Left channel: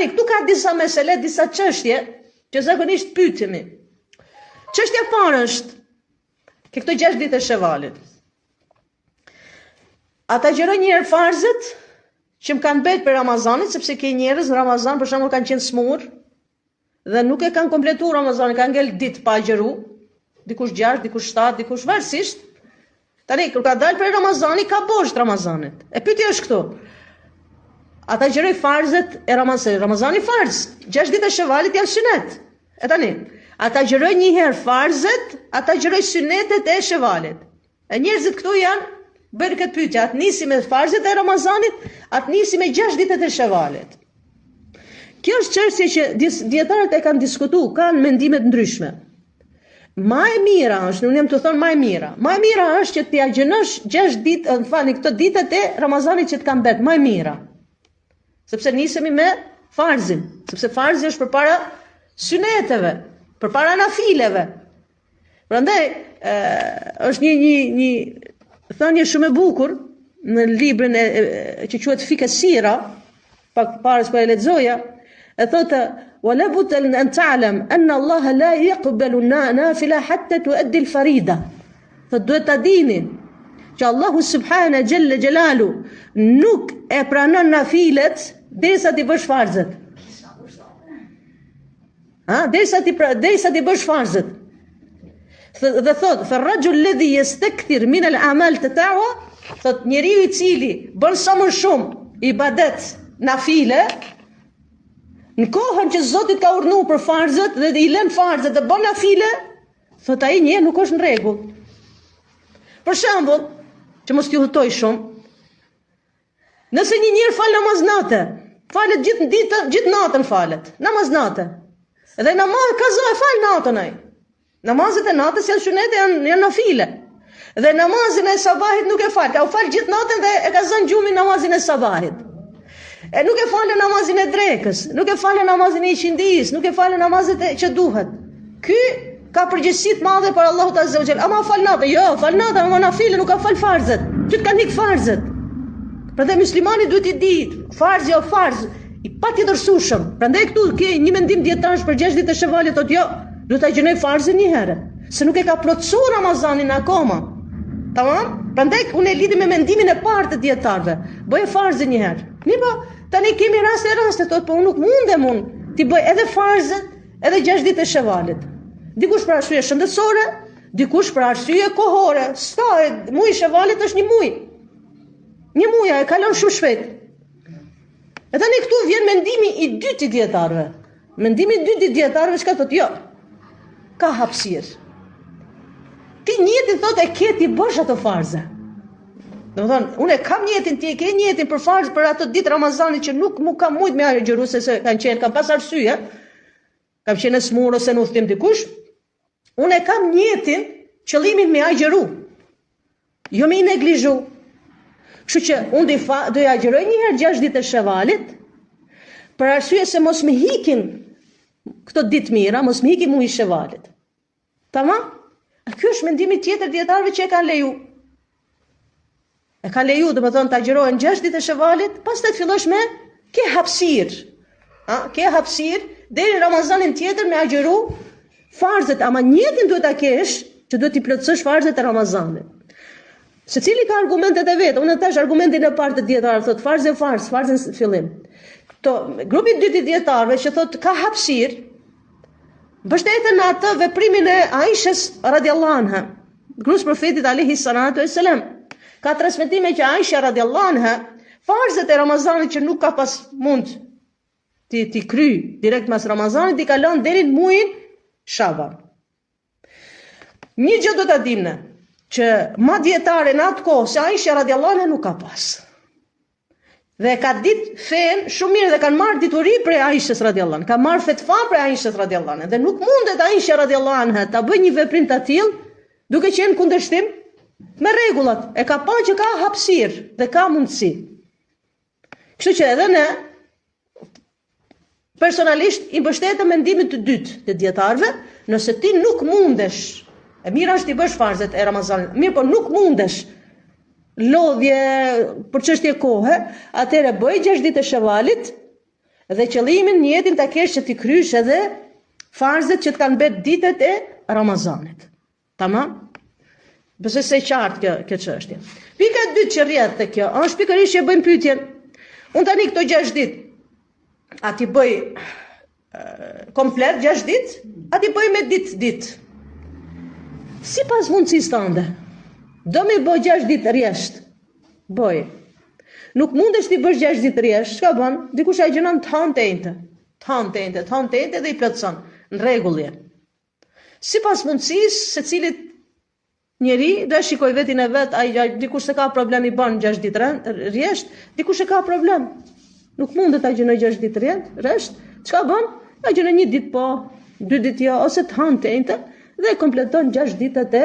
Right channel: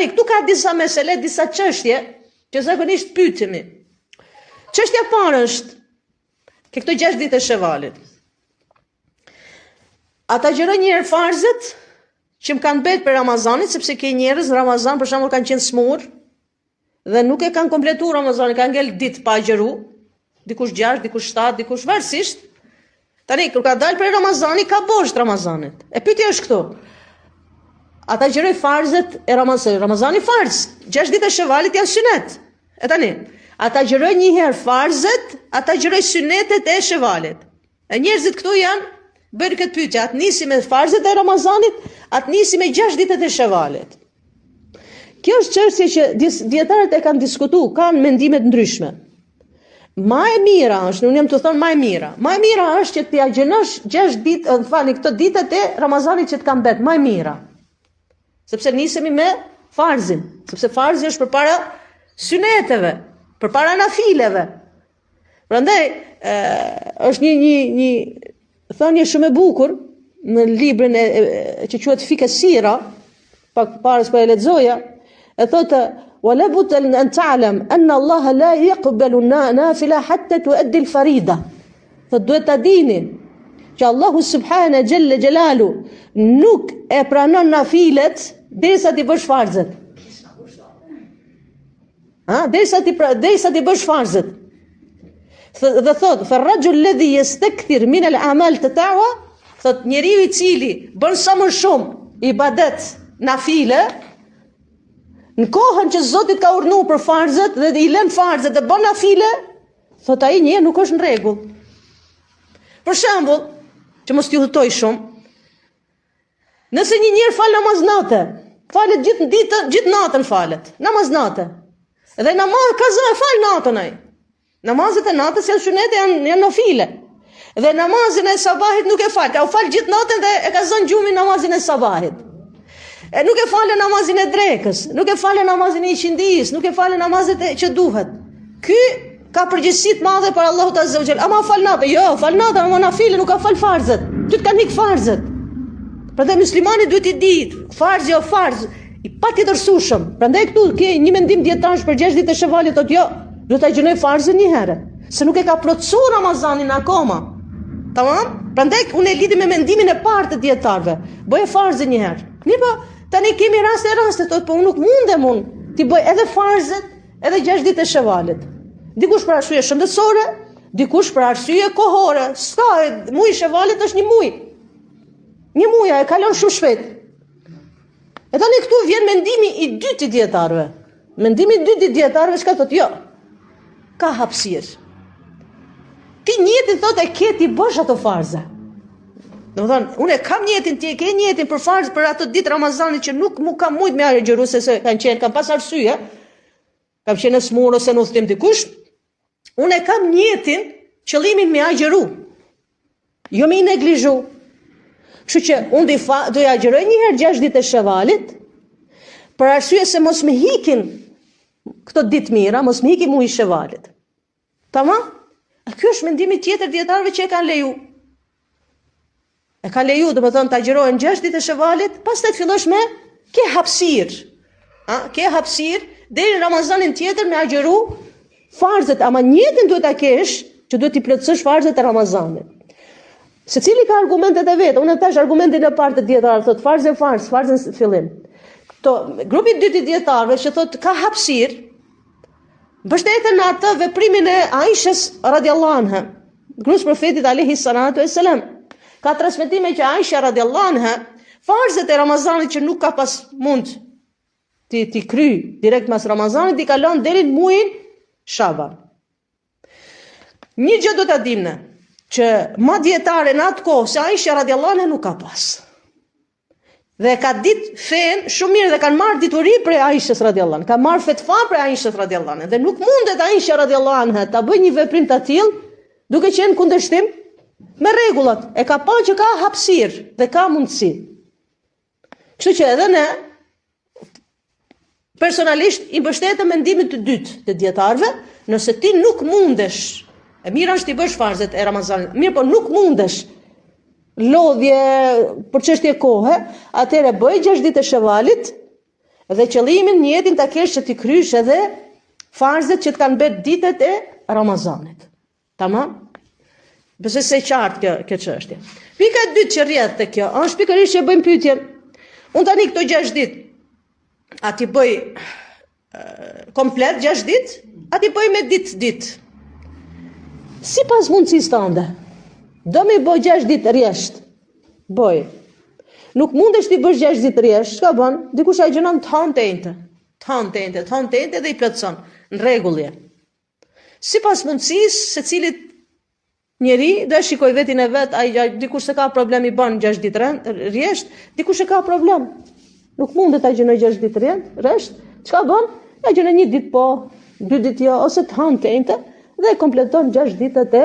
Tani, këtu ka disa mesele, disa çështje që zakonisht pyetemi. Çështja e parë është ke këto 6 ditë të Shevalit. Ata gjërojnë një herë farzët që më kanë bërë për Ramazanit, sepse ke njerëz në Ramazan për shembull kanë qenë smur dhe nuk e kanë kompletuar Ramazanin, kanë ngel ditë pa agjëru, dikush 6, dikush 7, dikush varësisht. Tani kur ka dalë për Ramazani ka bosh Ramazanit. E pyetja është këtu. Ata gjërojnë farzët e Ramazanit. Ramazani farz, 6 ditë e Shevalit janë sunet. E tani, ata gjërojnë një herë farzët, ata gjërojnë sunetet e Shevalit. E njerëzit këtu janë bërë këtë pyetje, atë nisi me farzët e Ramazanit, atë nisi me 6 ditët e Shevalit. Kjo është çështje që dietarët e kanë diskutuar, kanë mendime të ndryshme. Ma e mira është, unë jam të thonë ma e mira. Ma e mira është që t'ja gjënosh 6 ditë, këto ditët e Ramazanit që t'kan bet, ma e mira. Sepse nisemi me farzin, sepse farzi është përpara syneteve, përpara nafileve. Prandaj është një thënie shumë e bukur në librin që quhet Fike Sira, pak para se e lexoja, e thotë ولا بد أن تعلم أن الله لا يقبل النافلة حتى تؤدي الفريضة. فدوet ta dini që Allahu subhana jalla jalalu nuk e pranon nafilet derisa ti bësh farzët. Derisa ti bësh farzët. Dhe thot, فالرجل الذي يستكثر من الأعمال تطوع, thot njeriu I cili bën sa më shumë ibadet nafile, në kohën që Zoti ka urdhëruar për farzët dhe I lën farzët dhe bën nafile, thot ai një nuk është në rregull. Për shembull, që mos t'ju hutoj shumë, nëse një njerë fal namaz natë, falet gjithë natën falet, namaz natë. Dhe namaz kaza e fal natën ai. Namazet e natës janë sunete, janë nafile. Dhe namazin e sabahit nuk e fal, ka u fal gjithë natën dhe e ka zënë gjumin namazin e sabahit. E nuk e falë namazin e drekës, nuk e falë namazin e qindijis, nuk e falë namazet që duhet. Ky ka përgjegjësi të madhe për Allahut Azza wa Jall. Ama fal natë, jo, fal natë, ama nafile nuk ka fal farzët. Ty të kanë ik farzët. Prandaj muslimani duhet I ditë, farzi o farz, I patjetërsueshëm. Prandaj këtu ke një mendim dietarësh për 6 ditë të Shevalit, thotë jo, duhet ta gjinoj farzin një herë, se nuk e ka plotësuar Ramazanin akoma. Tamam? Prandaj unë e lidhi me mendimin e parë të dietarëve. Bëj farzin një herë. Mirë, tani kemi raste, po unë nuk mundem ti bëj edhe farzët, edhe 6 ditë e Shevalit. Dikush për arsye shëndetësore, dikush për arsye kohore. Muji Shevalit është një muj. Një muj e kalon shumë shpejt. E tani këtu vjen mendimi I dytë I dietarëve. Mendimi I dytë I dietarëve çka thotë? Jo. Ka hapësirë. Ti njëtin thotë e ke ti bësh ato farza. Domethënë, unë kam njëtin, ti e ke njëtin për farz për ato ditë Ramazanit që nuk mu kam mujt me agjëru se kanë pas arsye, kam qenë smur ose në udhtim dikush. Unë kam njëtin qëllimin me agjëru. Jo me I neglizhu. Kështu që unë do ja agjëroj një herë 6 ditë të Shevalit, për arsye se mos më hikin këto ditë mira, mos më hikin muji I Shevalit. Tamam? Ky është mendimi tjetër dietarëve që e kanë leju. E ka leju, do të thonë, ta agjërohen 6 ditë të Shevalit, pastaj fillosh me ke hapësirë. Ke hapësirë deri në Ramazanin tjetër me agjëru farzët, ama njëtin duhet ta kesh që duhet I plotësosh farzët e Ramazanit. Secili ka argumentet e vet. Unë thash argumentin e parë të dietarëve, thotë farzë farzën në fillim. Grupi I dytë I dietarëve që thotë ka hapësirë, mbështeten në atë veprimin e Aishës radhiyallahu anha, gruas profetit alayhi salatu wassalam. Ka transmetime që Aisha radhiyallahu anha farzët e Ramazanit që nuk ka pas mund ti kry direkt mas Ramazanit I kalon deri në muajin Shaban. Një gjë do ta dimë që ma dietare në atë kohë se Aisha radhiyallahu anha nuk ka pas. Dhe ka ditë fen shumë mirë dhe kanë marrë dituri për Aishës radhiyallahu anha, ka marrë fetva për Aishës radhiyallahu anha dhe nuk mundet Aisha radhiyallahu anha ta bëjë një veprim të tillë duke qenë kundërshtim me rregullat. E ka pa që ka hapësirë dhe ka mundësi. Kështu që edhe ne personalisht I mbështetem mendimin të dytë të dietarëve, nëse ti nuk mundesh, e mira është ti bësh farzet e Ramazanit, mirë po nuk mundesh lodhje për çështje kohe, atëherë bëj 6 ditë të Shevalit Dhe qëllimin në jetën ta kesh që ti krysh edhe farzet që të kanë bërë ditët e Ramazanit. Tamam? Besoj se qartë kjo çështje. Pika e dytë që rrjedh te kjo, është pikërisht që bëjmë pyetjen. Unë tani këto 6 ditë, a ti bëj komplet 6 ditë, a ti bëj me ditë. Sipas mundësisë tënde. Do me bëj 6 ditë rresht. Bëj. Nuk mundesh ti bësh 6 ditë rresht, çka bën? Dikush ai gjënon të hante dhe i plotson. Në rregull je. Sipas mundësisë, secilit njeri dhe shikoj vetin e vet, dikush se ka problem i bën 6 ditë rresht, dikush e ka problem. Nuk mundet ta gjënoj 6 ditë rresht, çka bën? Ta gjënon 1 ditë po, 2 ditë jo, ose të hante dhe kompleton 6 ditët e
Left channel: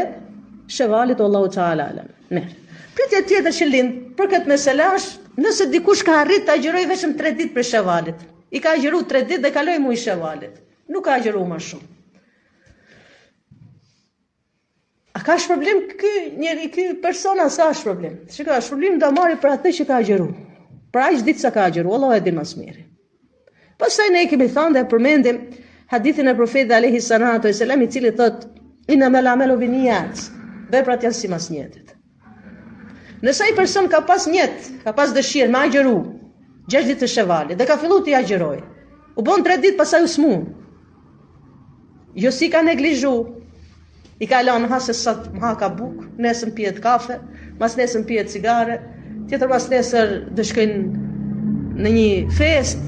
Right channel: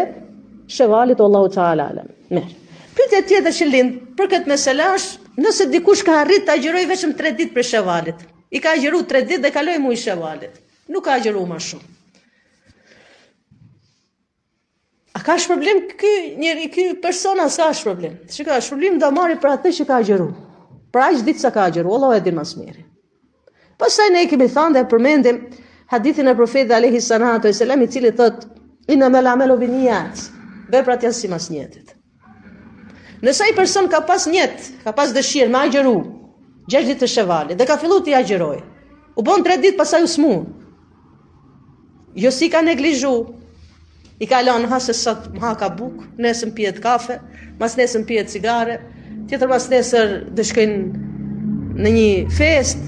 Shevalit, Allahu Teala alam. Mirë. Pyetja tjetër që lind për këtë meselë është, nëse dikush ka arrit të agjëroj vetëm 3 ditë për Shevalit. I ka agjëru 3 ditë dhe kaloi muaj Shevalit. Nuk ka agjëru më shumë. A ka problem ky persona? S'ka problem. Shikoj, shpërblim do marri për atë që ka agjëru. Për aq ditë sa ka agjëru, Allahu e di më së miri. Pastaj ne kemi thënë dhe përmendim hadithin e profetit alayhi salatu wasalam, i cili thotë innamal a'malu binniyat. Veprat janë si mas njetit. Nëse ai person ka pas njet, ka pas dëshirë me agjëru 6 ditë të Shevalit dhe ka filluar të agjëroj, u bën 3 ditë pastaj u smun. Jo si ka neglizhu, i ka lënë ha se sot ha ka buk, nesër pihet kafe, mas nesër pihet cigare, tjetër mas nesër do shkojnë në një fest,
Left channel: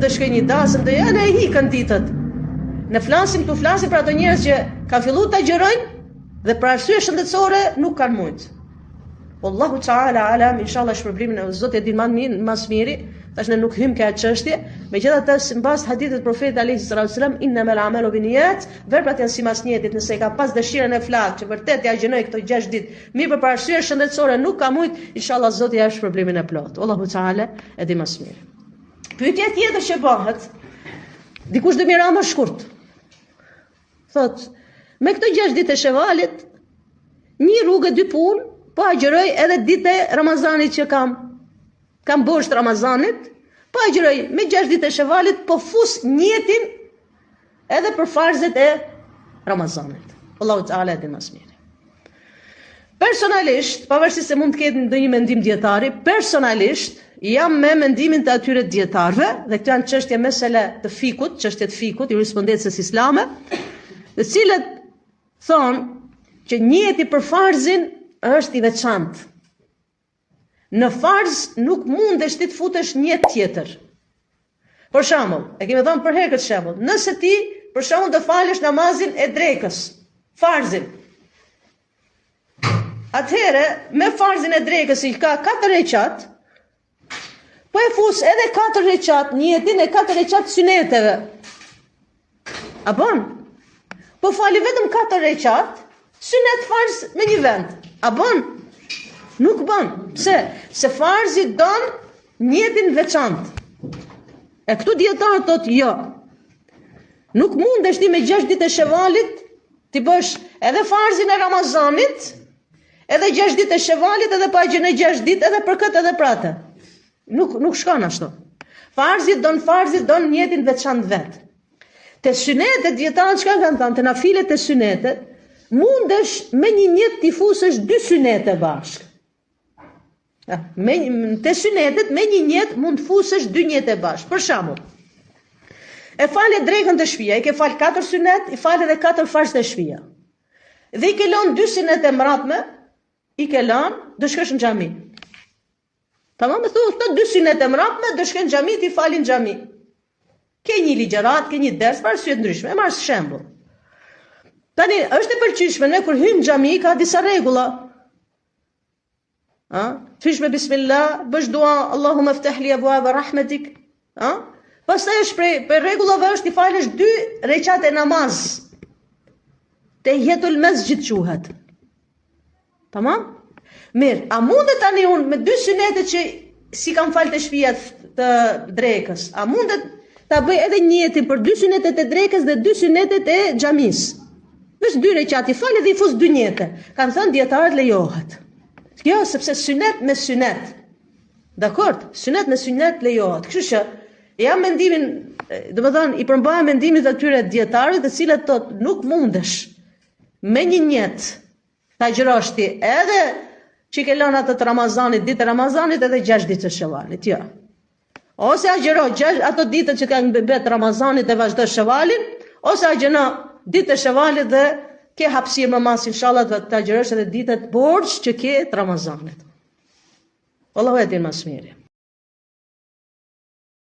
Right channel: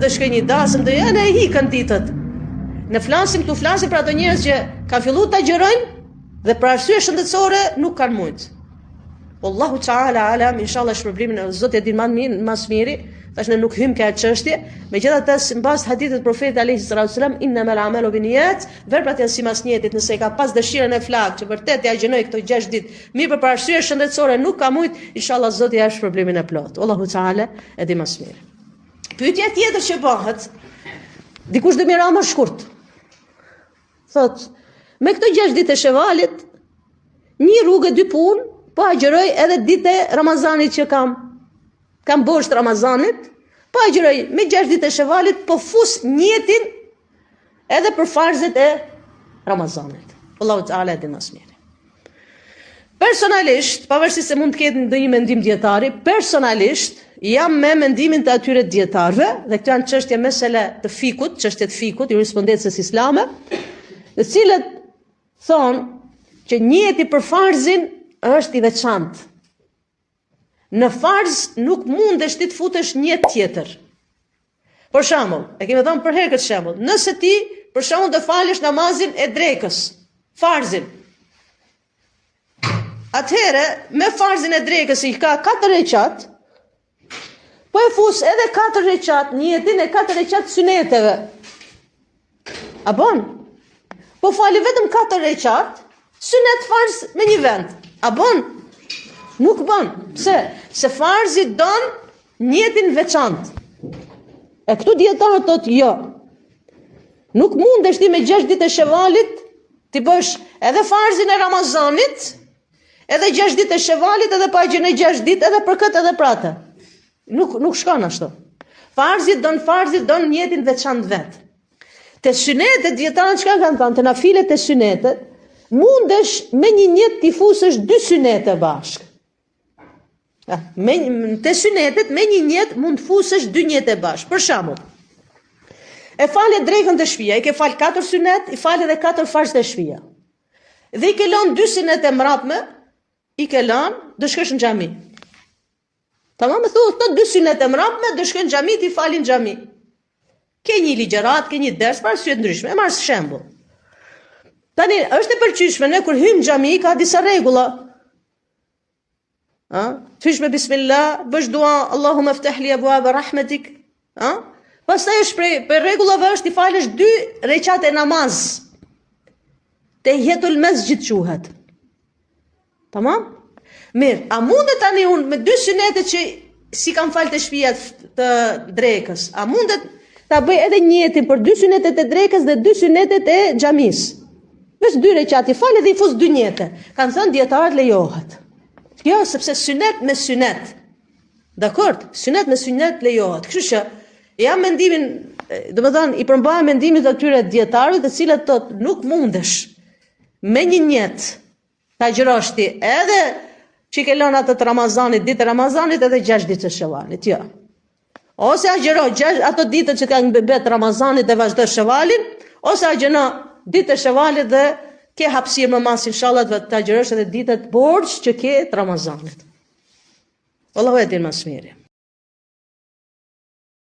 do shkojnë një dasëm, do janë e hikën ditët. Ne flasim për ato njerëz që kanë filluar të agjërojnë dhe për arsye shëndetësore nuk kanë mujt. Allahu Teala alam, inshallah shpërblimin e Zotit e din më së miri, tash ne nuk hym këtë çështje, megjithatë sipas hadithit të profetit alayhi salatu wasalam, innamal a'malu binniyat, veprat janë si masnjetit, nëse ka pas dëshirën e flak që vërtet ja gjënoi këto 6 ditë, mirë për arsye shëndetësore nuk ka mujt, inshallah Zoti ja shpërblimin e plot. Allahu Teala e di më së miri. Pyetja tjetër që bëhet, dikush do mira më shkurt. Thot, me këto 6 ditë të Shevalit, një rrugë 2 punë, po agjëroj edhe ditë e Ramazanit që kam bosht Ramazanit, po agjëroj me 6 ditë e Shevalit, po fus njetin edhe për farzet e Ramazanit. Allahu Teala di më së miri. Personalisht, pavarësisht se mund të ketë ndonjë mendim dietari, personalisht jam me mendimin të atyre dietarëve, dhe këto janë çështje mesele të fikut, çështje të fikut, jurisprudencës islame, të cilët thonë që njeti për farzin është i veçantë. Në farz nuk mundesh ti të futesh një tjetër. Për shembull, e kemi thënë për herë këtë shembull, nëse ti për shembull të falësh namazin e drekës, farzin. Atëherë, me farzin e drekës i ka 4 rekat, po e fus edhe 4 rekat, njetin e 4 rekat syneteve. A bon? Po fali vetëm 4 rekat, synet farz me një vend. A bon? Nuk bon. Pse? Se farzi don njetin veçantë. E këtu dietarët thotë jo. Nuk mundesh ti me 6 ditë e Shevalit ti bësh edhe farzin e Ramazanit, edhe 6 ditë e Shevalit, edhe pa gjënë 6 ditë edhe për këtë edhe për atë. Nuk shkon ashtu. Farzi don njetin veçantë vet. Te synetet dietarët çka kanë thënë, te nafilet e synetet, mundesh me një njet t'i fusësh 2 synete bashk. Te synetet me një njet mund fusësh 2 njete bashk. Për shembull, e fale drekën të shtëpia, i ke fal 4 synet, i fale edhe 4 farz të shtëpia. Dhe i ke lënë 2 synet e mbrapme, i ke lënë do shkosh në xhami. Tamam, më thotë 2 synet e mbrapme, do shkojnë në xhami, ti falin në xhami. Ke një ligjërat, ke një ders për arsye të ndryshme. E marr shembull. Tani, është e pëlqyeshme, ne kur hyjmë në xhami ka disa rregulla. Thysh me bismillah, bësh dua, Allahumma ftah li abwaab rahmatik. Pastaj është për rregullave është i falësh 2 rekat e namaz. Tahiyatul masjid quhet. Tamam? Mirë, a mundet tani unë me 2 synete që si kam falë të shtëpia të drekës, a mundet ta bëj edhe njëtin për 2 synetet e drekës dhe 2 synetet e xhamis? Vesh 2 rekat i falë dhe i fus 2 njete. Kanë thënë dietarët lejohet. Jo, sepse synet me synet. Dakord? Synet me synet lejohet. Kështu që Jam mendimin, domethënë i përmbahem mendimit atyre dietarëve të cilët thotë nuk mundesh me një njet ta agjërosh ti edhe që ke lënë atë të Ramazanit, ditë Ramazanit edhe 6 ditë të Shevalit, jo. Ose agjëro ato ditët që kanë bet Ramazanit dhe vazhdo Shevalin, ose agjëro ditë të Shevalit dhe ke hapësirë më mas inshallah të agjërosh edhe ditët borxh që ke të Ramazanit. Allahu e din më së miri.